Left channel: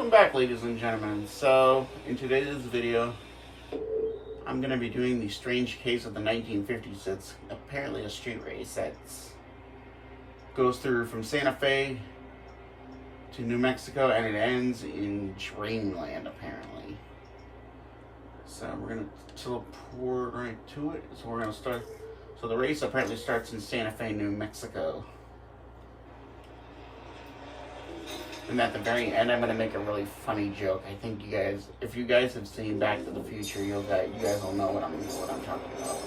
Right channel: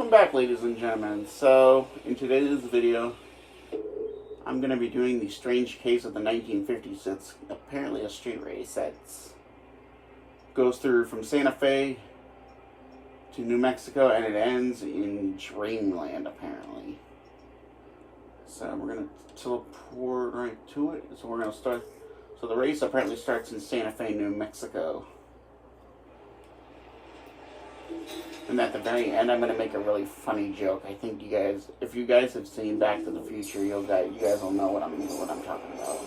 Welcome back, ladies and gentlemen. So, in today's video, I'm going to be doing the strange case of the 1950s. It's apparently a street race that goes through from Santa Fe to New Mexico, and it ends in Dreamland, apparently. So, we're going to teleport right to it. So, we're going to start. So, the race apparently starts in Santa Fe, New Mexico. And at the very end, I'm going to make a really funny joke. I think you guys, if you guys have seen Back to the Future, you guys will know what I'm talking about.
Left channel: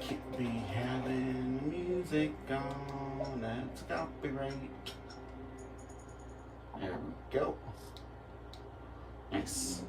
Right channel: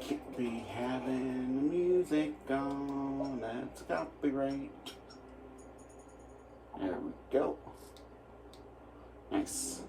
Keep me having music on, that's copyright. There we go. Nice.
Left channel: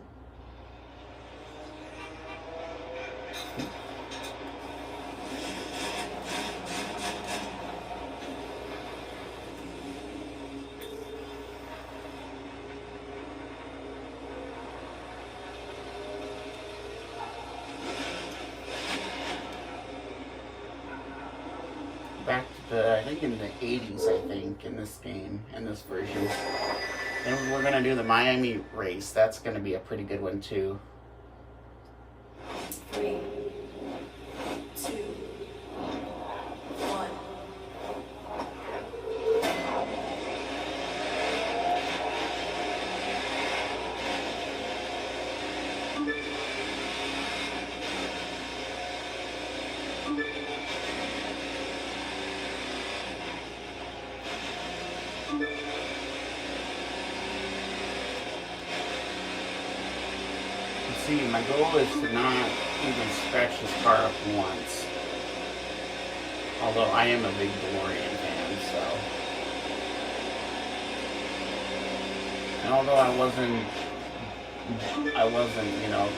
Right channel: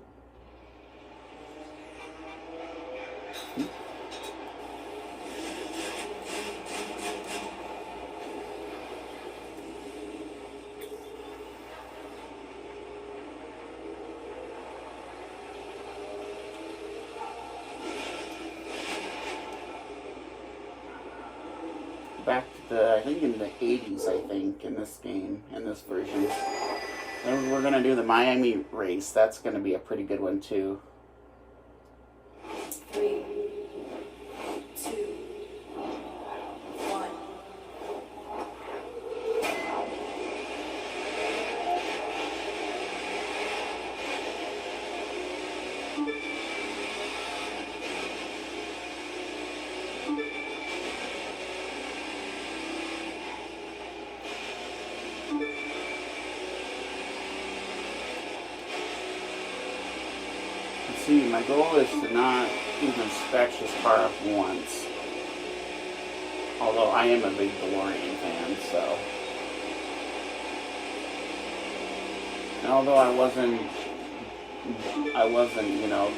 Back to I think in the 80s, in this game, in this version. And we're going to do the Miami race. That's going to be a pretty good one, too. 3, 2, 1. See, my goal is to not even scratch this car up once. Although I am a big DeLorean fan, so. And although I wasn't,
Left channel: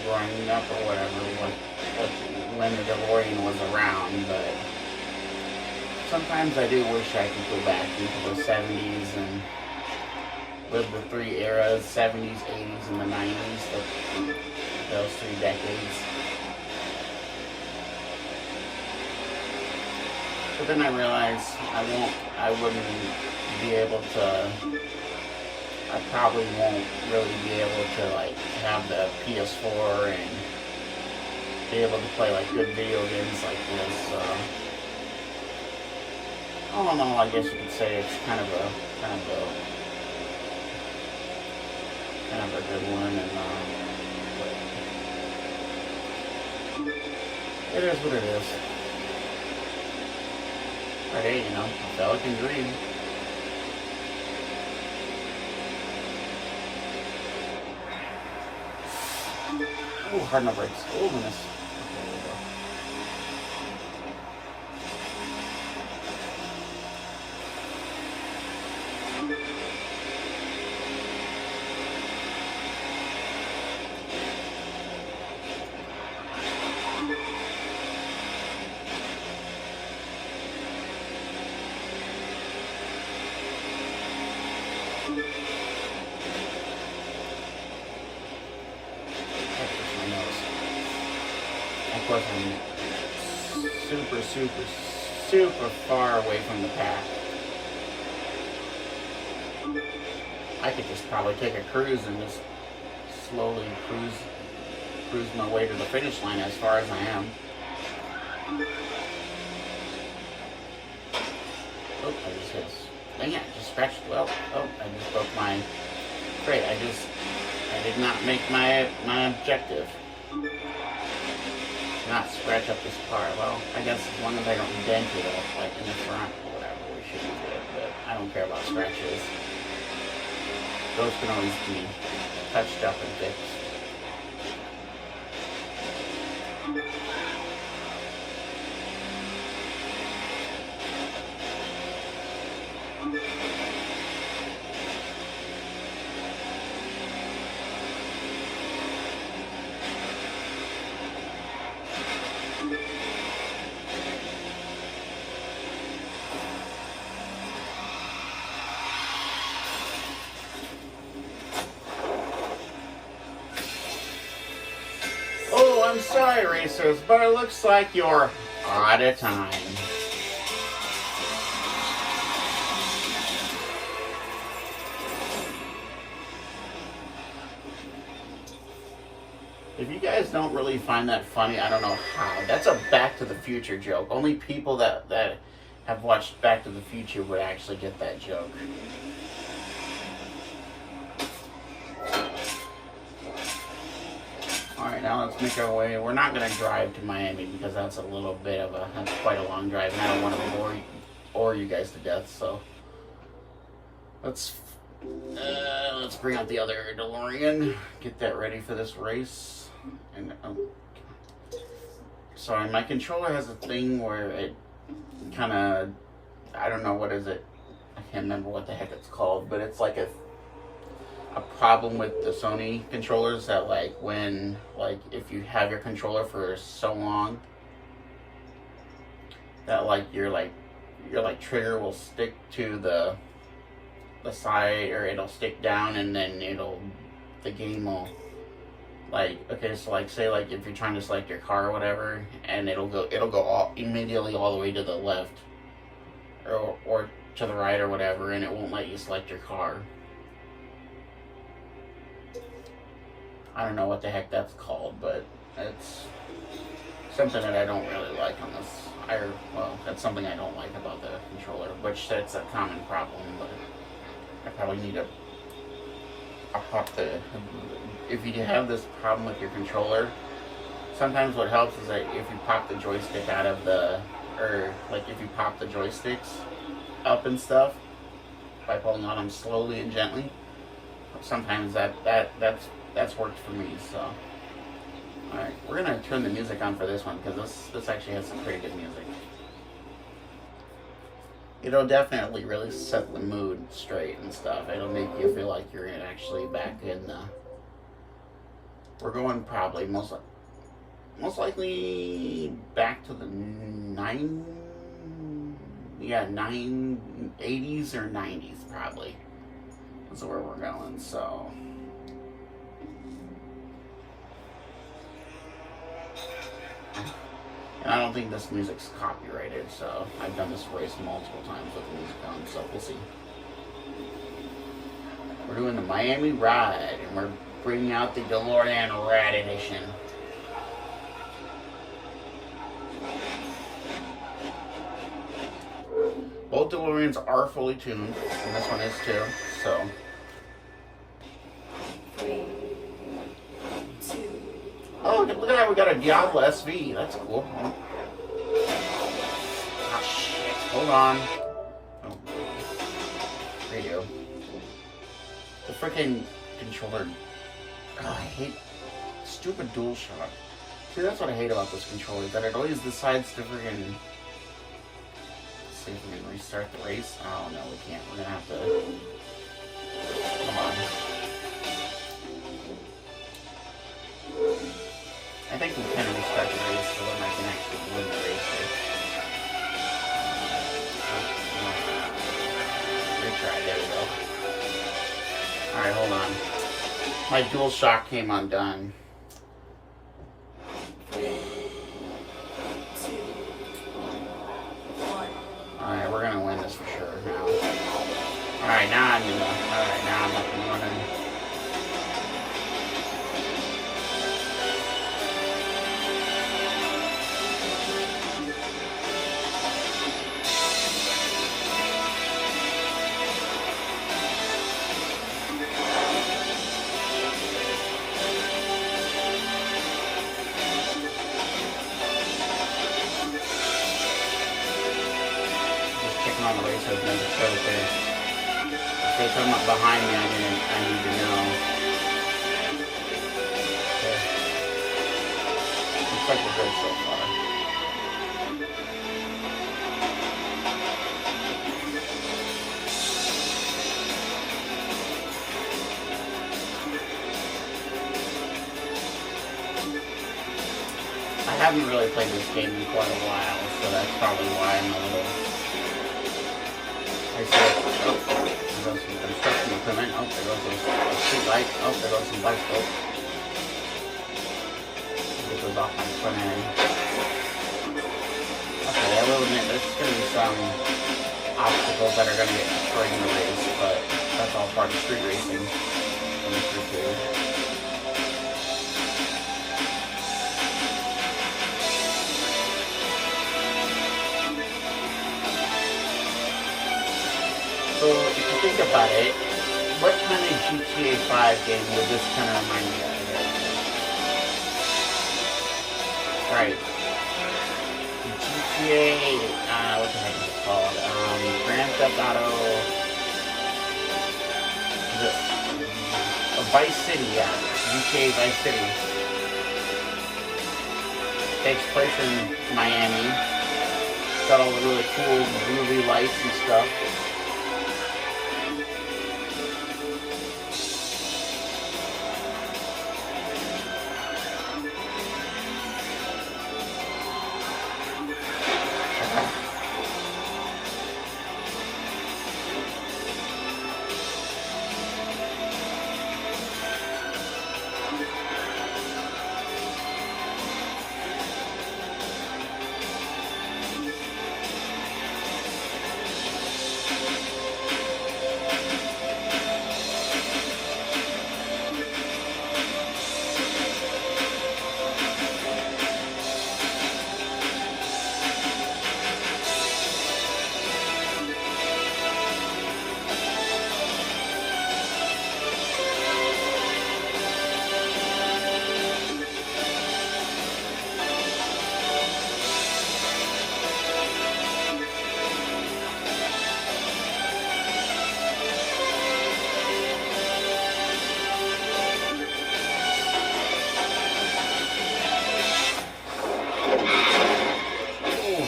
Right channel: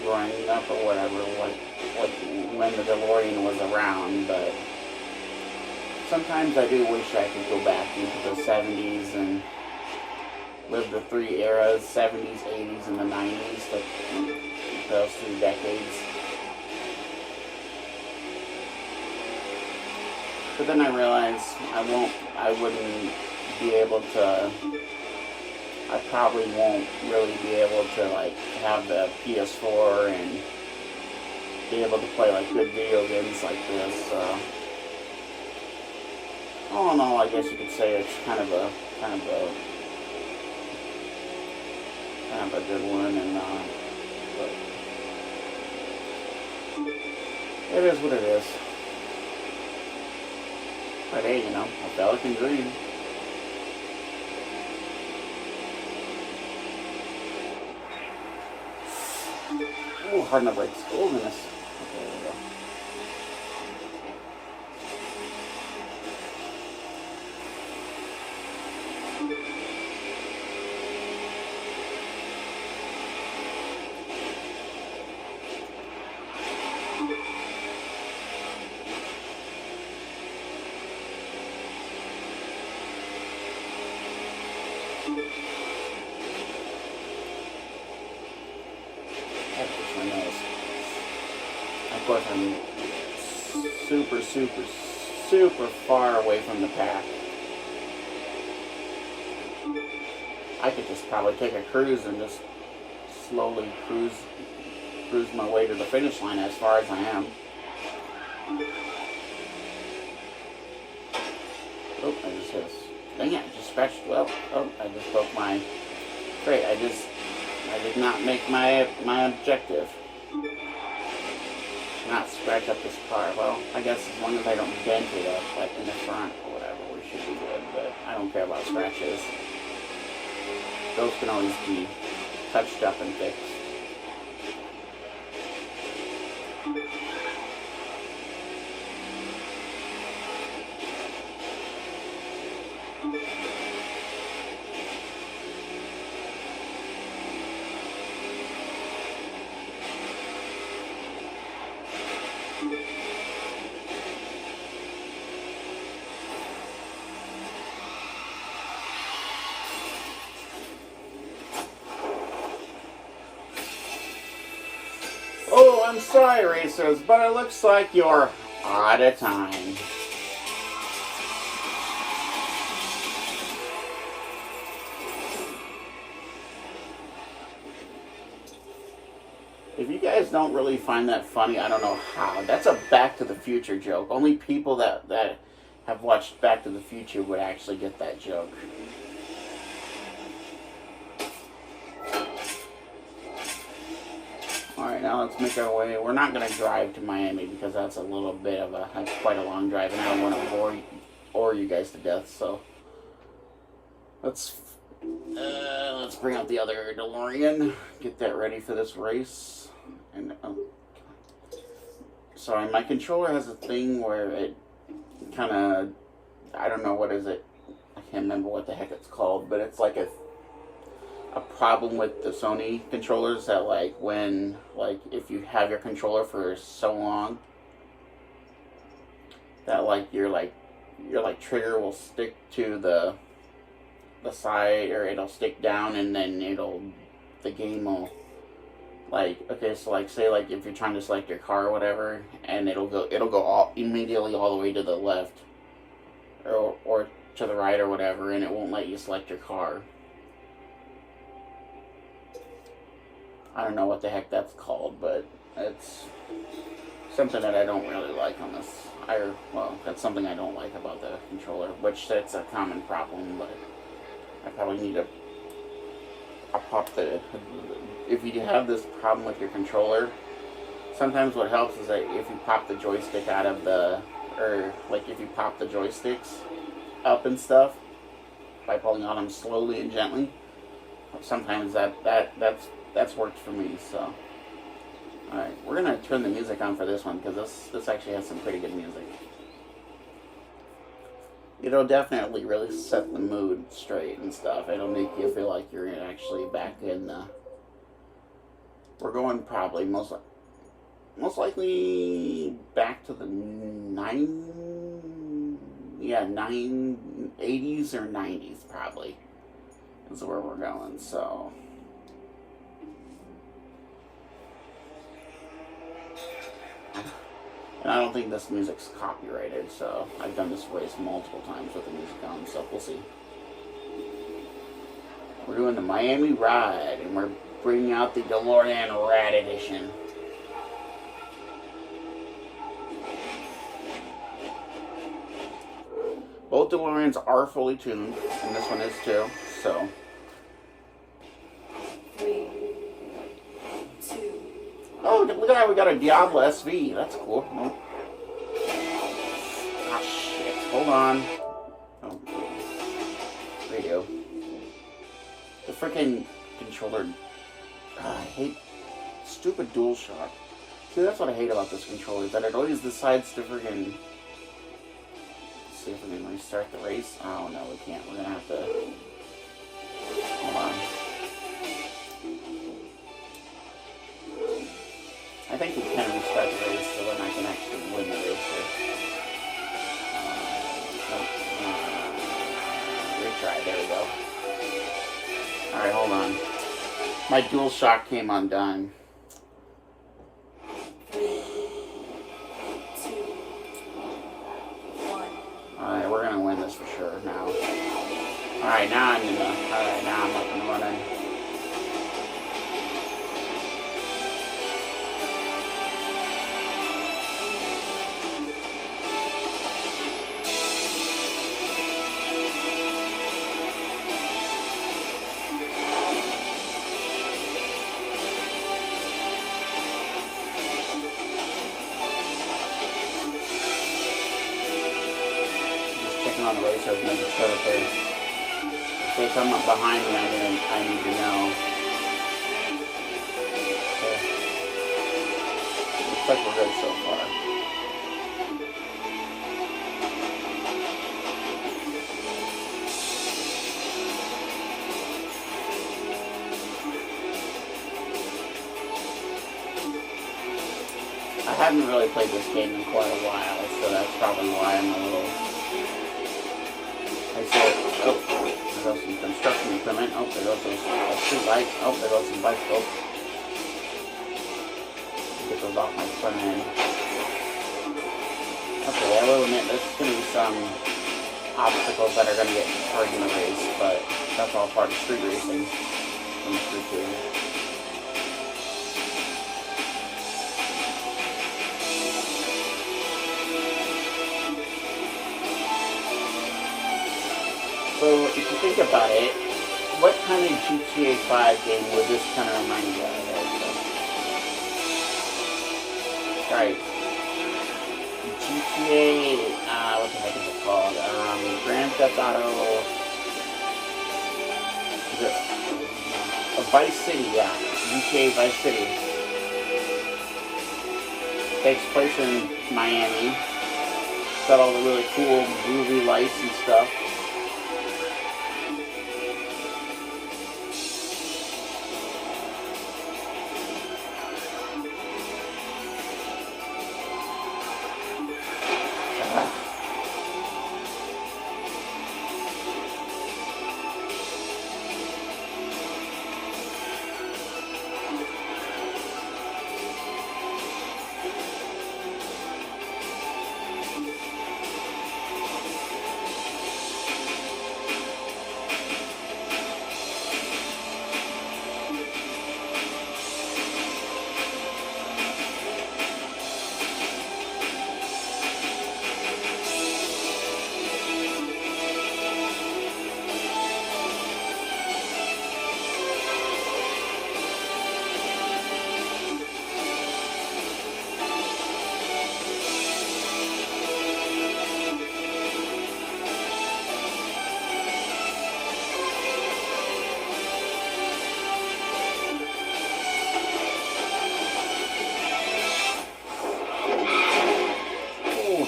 growing up or whatever, when the DeLorean was around, but sometimes I do wish I could go back into the 70s and live the three eras, 70s, 80s, and the 90s. Those 3 decades. But then I realized I probably won't really be able to have the PS4 and be able to play good video games like this. So all in all, I guess you could say it's kind of a good one, and it is what it is. But hey, a fella can dream. Ooh, hard enough brakes. Oh, goodness. There we go. Of course, I'm super far away from the pack. I could just probably take a cruise and just slowly cruise my way to the finish line as far as I am. Oh, I just hit. Dang it, I just scratched. Well, I just broke my. Great, I did not make my objective. Not scratch up this car. Well, I guess as long as I don't dent it up, in the front or whatever, we should be good. But I don't care about scratches. Those can always be touched up and fixed. I'm sorry, racers, but it looks like you're out of time. If you guys don't really find that funny, I don't know how. That's a Back to the Future joke. Only people that have watched Back to the Future would actually get that joke. Alright, now let's make our way. We're not going to drive to Miami because that's quite a long drive, and I don't want to bore you guys to death, so let's bring up the other DeLorean, get that ready for this race. And sorry, my controller has a thing where it kind of, I don't know what is it, I can't remember what the heck it's called, but it's like a problem with the Sony controllers that if you have your controller for so long that your trigger will stick to the side, or it'll stick down, and then the game will say if you're trying to select your car or whatever, and it'll go immediately all the way to the left or to the right or whatever, and it won't let you select your car. I don't know what the heck that's called, but it's something that I don't really like on this. That's something I don't like about the controller, which that's a common problem, but I probably need to if you have this problem with your controller, sometimes what helps is that if you pop the joystick if you pop the joysticks up and stuff by pulling on them slowly and gently, sometimes that's worked for me. So alright, we're gonna turn the music on for this one because this actually has some pretty good music. It'll definitely really set the mood straight and stuff. It'll make you feel like you're actually back in the... We're going probably most likely back to the 80s or 90s probably is where we're going, so... And I don't think this music's copyrighted, so I've done this race multiple times with the music on, so we'll see. We're doing the Miami Ride, and we're bringing out the DeLorean Rad Edition. Both DeLoreans are fully tuned, and this one is too, so... 3, 2. Oh, look at that, we got a Diablo SV. That's cool. Ah, shit. Hold on. Oh. Radio. The freaking controller. God, I hate stupid DualShock. See, that's what I hate about this controller, that it always decides to freaking... See if we can restart the race. Oh, no, we can't. We're gonna have to... Come on. I think we can restart the race so then I can actually win the race. Retry, there we go. Alright, hold on. My DualShock came undone. 3, 2, 1. Alright, we're gonna win this for sure now. Alright, now I'm up and running. On the race, I was making sure that there's, if I'm up behind me, I need to know. Okay. Looks like we're good so far. I haven't really played this game in quite a while, so that's probably why I'm a little... I see it. Oh, there goes some construction equipment. Oh, there goes a street light. Oh, there goes some bikes. Oh. Get those off my front end. Okay, I will admit there's going to be some obstacles that are going to get during the race, but that's all part of street racing. think about it, what kind of GTA 5 game would this kind of remind you of? Right. GTA, what the heck is it called? Grand Theft Auto. Is it Vice City? Yeah, GTA Vice City. Takes place in Miami. Got all the really cool groovy lights and stuff.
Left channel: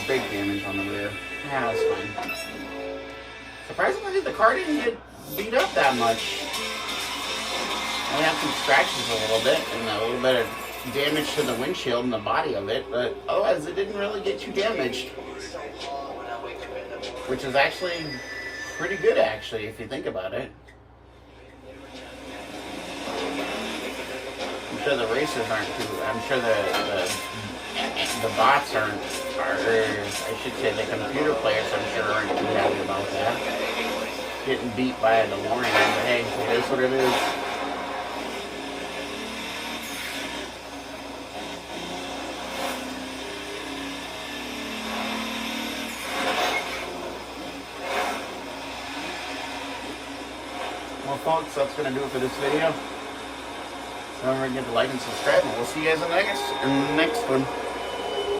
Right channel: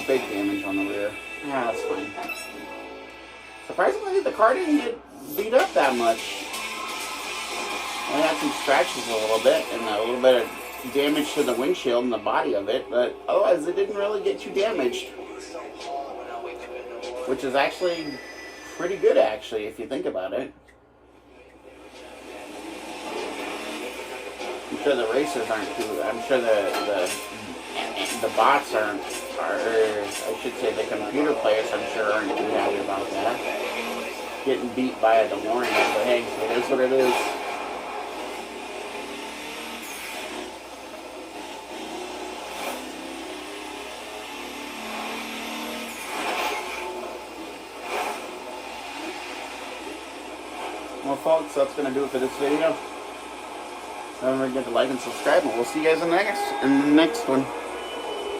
Big damage on the rear. Yeah, that's fine. Surprisingly, the car didn't get beat up that much. We had some scratches a little bit and a little bit of damage to the windshield and the body of it, but otherwise it didn't really get too damaged. Which is actually pretty good, actually, if you think about it. I'm sure the racers aren't too. I'm sure the bots aren't, I should say the computer players, I'm sure, aren't too happy about that. Getting beat by a DeLorean, but hey, it is what it is. Well, folks, that's going to do it for this video. Don't forget to like and subscribe, and we'll see you guys in the next one.